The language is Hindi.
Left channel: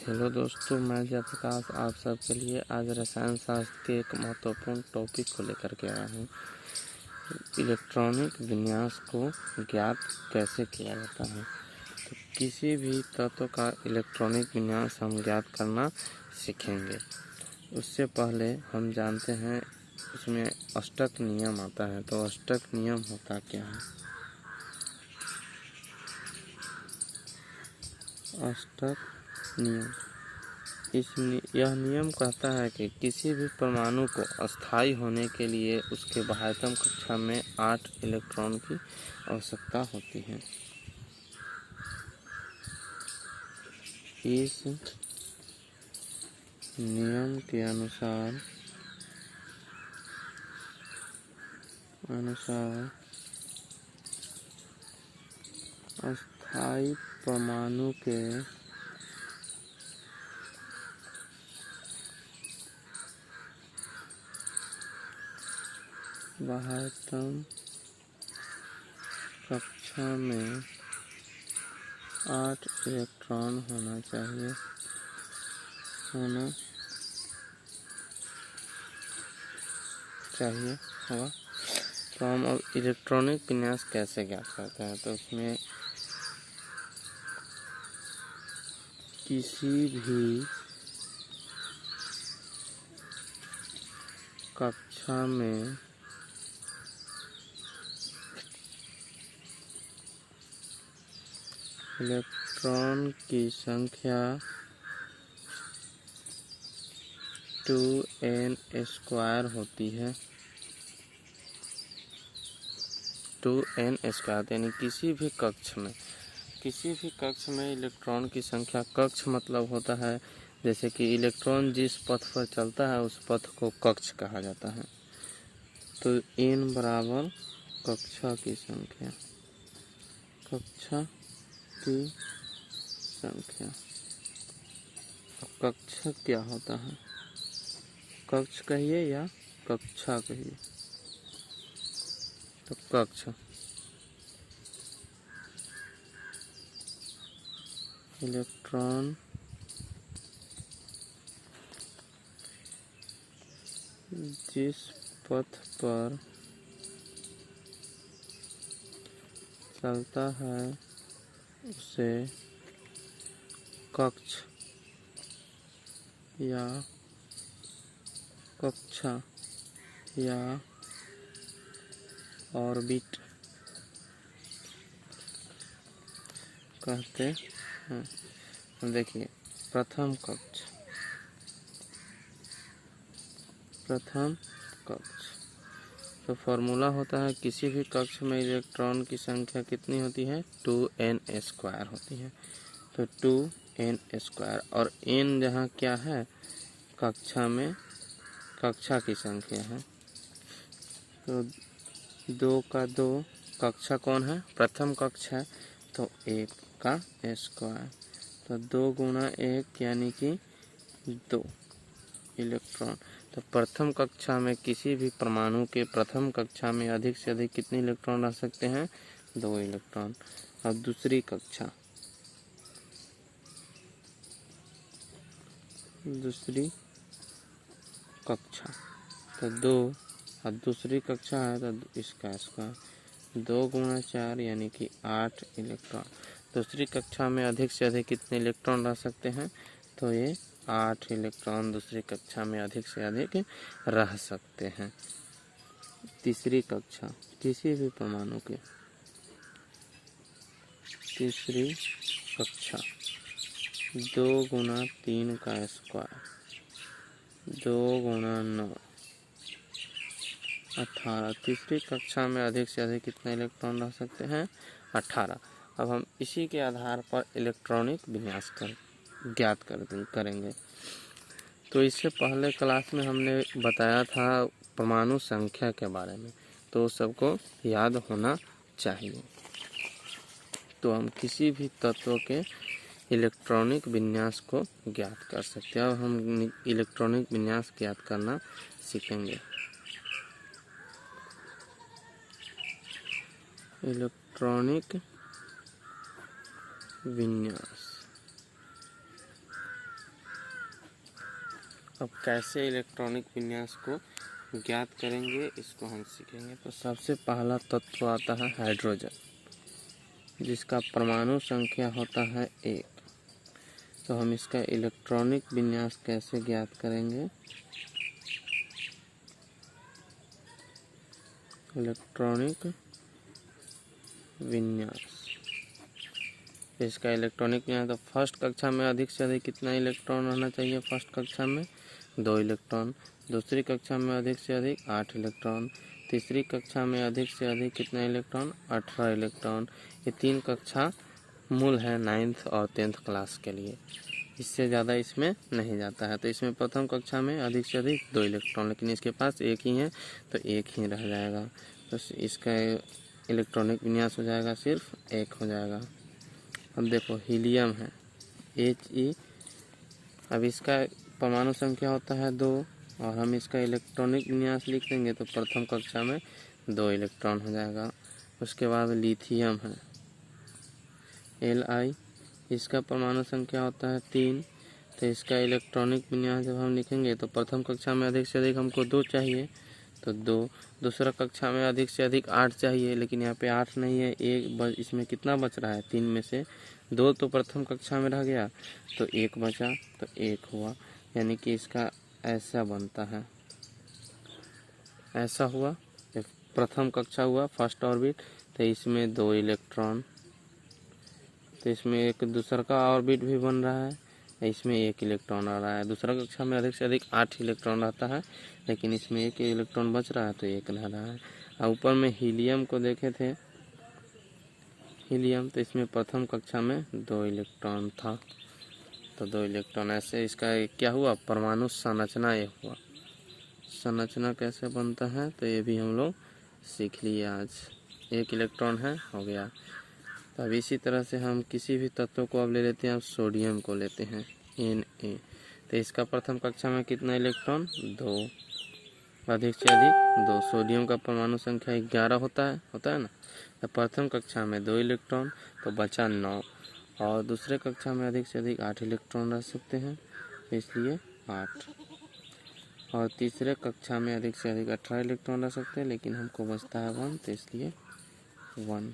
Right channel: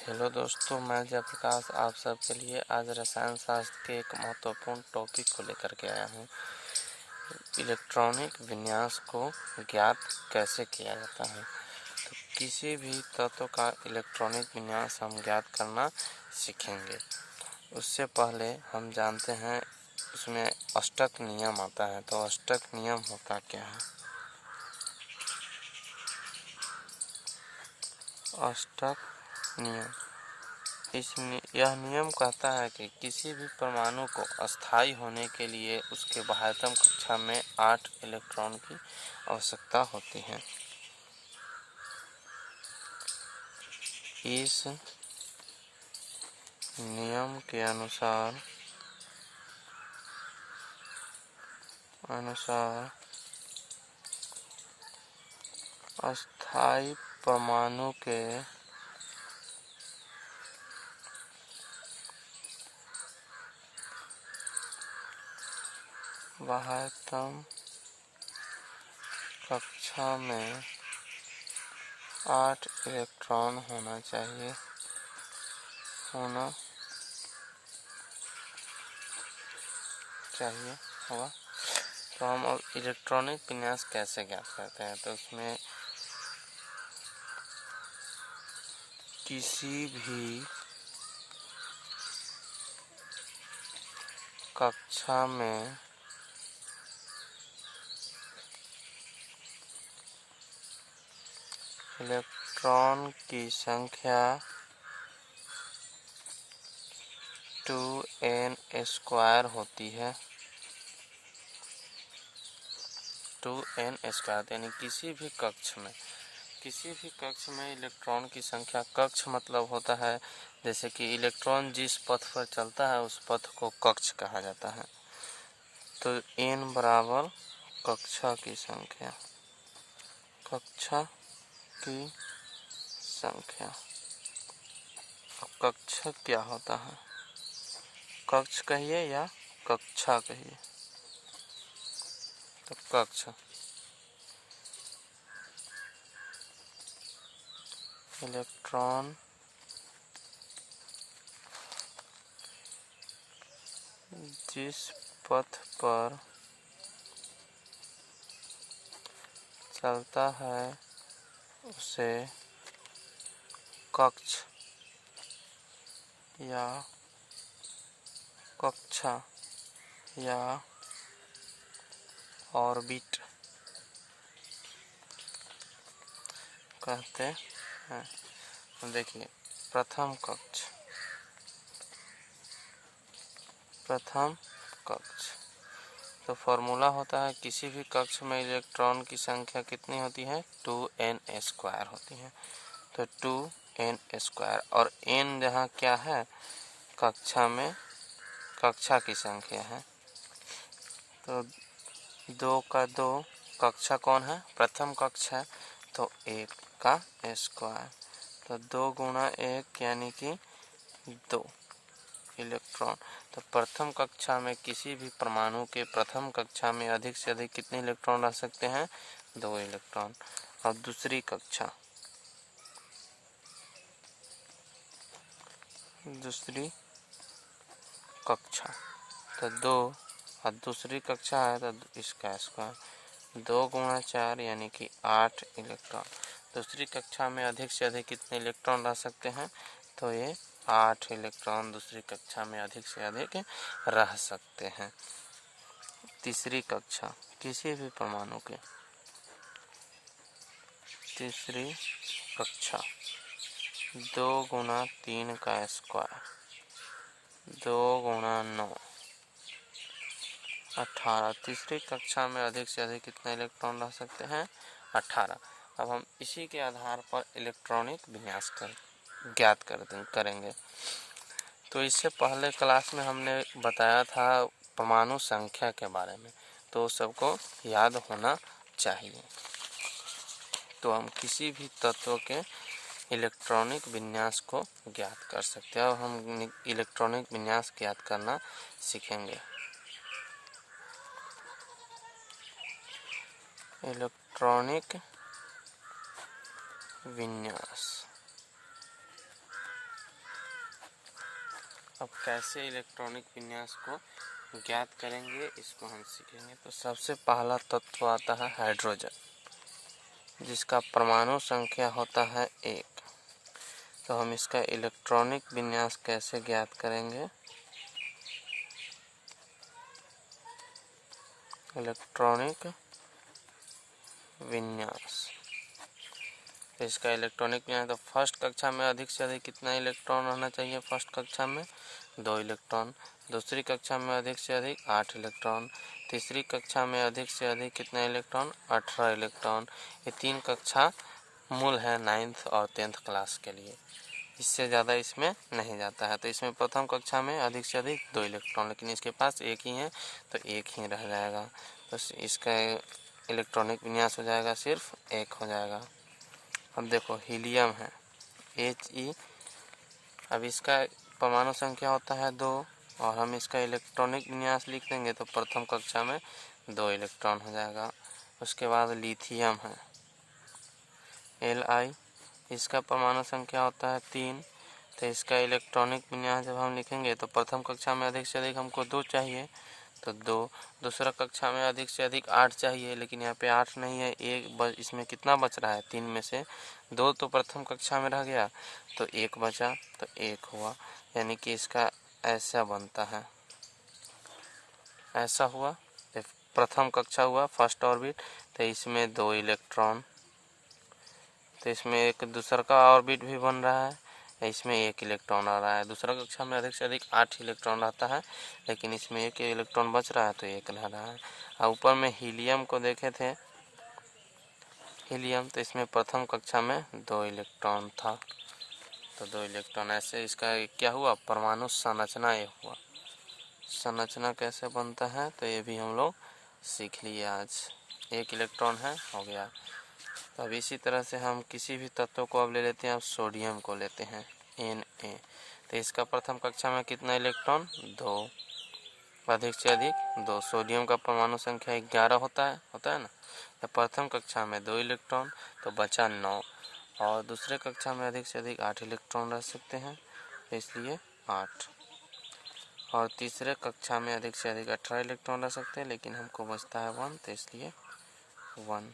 हेलो दोस्तों, मैं जयप्रकाश आप सबके लिए आज रसायन शास्त्र के एक महत्वपूर्ण टॉपिक को लेकर के आया हूँ। इलेक्ट्रॉनिक विन्यास को ज्ञात कैसे किया जाता है। तो किसी भी तत्व का इलेक्ट्रॉनिक विन्यास हम ज्ञात करना सीखेंगे। उससे पहले हम जानते हैं उसमें अष्टक नियम आता है। तो अष्टक नियम होता क्या है? अष्टक नियम यह नियम कहता है कि किसी भी परमाणु को अस्थायी होने के लिए उसके बाह्यतम कक्षा में 8 इलेक्ट्रॉन की आवश्यकता होती है। इस नियम के अनुसार अस्थायी परमाणु के बाह्यतम कक्षा में 8 इलेक्ट्रॉन होना चाहिए होगा। तो हम अब इलेक्ट्रॉनिक विन्यास कैसे ज्ञात करते हैं। तो उसमें किसी भी कक्षा में इलेक्ट्रॉन की संख्या 2n² होती है। 2n² यानी किसी भी कक्ष में इलेक्ट्रॉन की संख्या, कक्ष मतलब होता है जैसे कि इलेक्ट्रॉन जिस पथ पर चलता है उस पथ को कक्ष कहा जाता है। तो n बराबर कक्षा की संख्या। कक्ष क्या होता है? कक्ष कहिए या कक्षा कहिए। तो कक्ष इलेक्ट्रॉन जिस पथ पर चलता है उसे कक्ष या कक्षा या ऑर्बिट कहते हैं। देखिए, प्रथम कक्ष तो फॉर्मूला होता है किसी भी कक्ष में इलेक्ट्रॉन की संख्या कितनी होती है? 2n² होती है। तो 2n² और n जहाँ क्या है? कक्षा की संख्या है। तो 2 का 2 कक्षा कौन है? प्रथम कक्ष है। तो 1 का स्क्वायर। तो 2 गुणा 1 यानी कि 2 इलेक्ट्रॉन। तो प्रथम कक्षा में किसी भी परमाणु के प्रथम कक्षा में अधिक से अधिक कितने इलेक्ट्रॉन रह सकते हैं? 2 इलेक्ट्रॉन। और दूसरी कक्षा तो 2 और दूसरी कक्षा है तो इसका स्क्वायर। 2 गुणा 4 यानी कि 8 इलेक्ट्रॉन। दूसरी कक्षा में अधिक से अधिक कितने इलेक्ट्रॉन रह सकते हैं? तो ये 8 इलेक्ट्रॉन दूसरी कक्षा में अधिक से अधिक रह सकते हैं। तीसरी कक्षा किसी भी परमाणु के तीसरी कक्षा 2 गुणा 3 का स्क्वायर 2 गुणा 9 18। तीसरी कक्षा में अधिक से अधिक कितने इलेक्ट्रॉन रह सकते हैं? 18। अब हम इसी के आधार पर इलेक्ट्रॉनिक विन्यास ज्ञात करेंगे। तो इससे पहले क्लास में हमने बताया था परमाणु संख्या के बारे में, तो सबको याद होना चाहिए। तो हम किसी भी तत्व के इलेक्ट्रॉनिक विन्यास को ज्ञात कर सकते हैं। और हम इलेक्ट्रॉनिक विन्यास ज्ञात करना सीखेंगे। इलेक्ट्रॉनिक विन्यास अब कैसे इलेक्ट्रॉनिक विन्यास को ज्ञात करेंगे इसको हम सीखेंगे। तो सबसे पहला तत्व आता है हाइड्रोजन, जिसका परमाणु संख्या होता है 1। तो हम इसका इलेक्ट्रॉनिक विन्यास कैसे ज्ञात करेंगे? इलेक्ट्रॉनिक विन्यास, इसका इलेक्ट्रॉनिक विन्यास तो फर्स्ट कक्षा में अधिक से अधिक कितना इलेक्ट्रॉन रहना चाहिए? फर्स्ट कक्षा में 2 इलेक्ट्रॉन, दूसरी कक्षा में अधिक से अधिक 8 इलेक्ट्रॉन, तीसरी कक्षा में अधिक से अधिक कितना इलेक्ट्रॉन? 18 इलेक्ट्रॉन। ये 3 कक्षा मूल है 9th और 10th क्लास के लिए, इससे ज़्यादा इसमें नहीं जाता है। तो इसमें प्रथम कक्षा में अधिक से अधिक 2 इलेक्ट्रॉन, लेकिन इसके पास 1 ही है तो 1 ही रह जाएगा। तो इसका इलेक्ट्रॉनिक विन्यास हो जाएगा सिर्फ 1 हो जाएगा। अब देखो हीलियम है He, अब इसका परमाणु संख्या होता है 2 और हम इसका इलेक्ट्रॉनिक विन्यास लिख देंगे तो प्रथम कक्षा में 2 इलेक्ट्रॉन हो जाएगा। उसके बाद लिथियम है Li, इसका परमाणु संख्या होता है 3। तो इसका इलेक्ट्रॉनिक विन्यास जब हम लिखेंगे तो प्रथम कक्षा में अधिक से अधिक हमको 2 चाहिए तो 2, दूसरा कक्षा में अधिक से अधिक 8 चाहिए, लेकिन यहाँ पे 8 नहीं है, एक इसमें कितना बच रहा है? 3 में से 2 तो प्रथम कक्षा में रह गया तो 1 बचा तो 1 हुआ, यानी कि इसका ऐसा बनता है, ऐसा हुआ। प्रथम कक्षा हुआ फर्स्ट ऑर्बिट, तो इसमें 2 इलेक्ट्रॉन, तो इसमें एक दूसरा का ऑर्बिट भी बन रहा है, इसमें 1 इलेक्ट्रॉन आ रहा है। दूसरा कक्षा में अधिक से अधिक 8 इलेक्ट्रॉन रहता है, लेकिन इसमें 1 इलेक्ट्रॉन बच रहा है तो 1 रह रहा है। और ऊपर में हीलियम को देखे थे, हीलियम तो इसमें प्रथम कक्षा में 2 इलेक्ट्रॉन था तो 2 इलेक्ट्रॉन, ऐसे इसका क्या हुआ? परमाणु संरचना ये हुआ। संरचना कैसे बनता है तो ये भी हम लोग सीख लिए आज। 1 इलेक्ट्रॉन है, हो गया। अब इसी तरह से हम किसी भी तत्व को अब ले लेते हैं। अब सोडियम को लेते हैं Na, तो इसका प्रथम कक्षा में कितना इलेक्ट्रॉन? 2, अधिक से अधिक 2। सोडियम का परमाणु संख्या 11 होता है ना। तो प्रथम कक्षा में 2 इलेक्ट्रॉन तो बचा 9, और दूसरे कक्षा में अधिक से अधिक 8 इलेक्ट्रॉन रह सकते हैं तो इसलिए 8, और तीसरे कक्षा में अधिक से अधिक 18 इलेक्ट्रॉन रह सकते हैं, लेकिन हमको बचता है 1 तो इसलिए 1।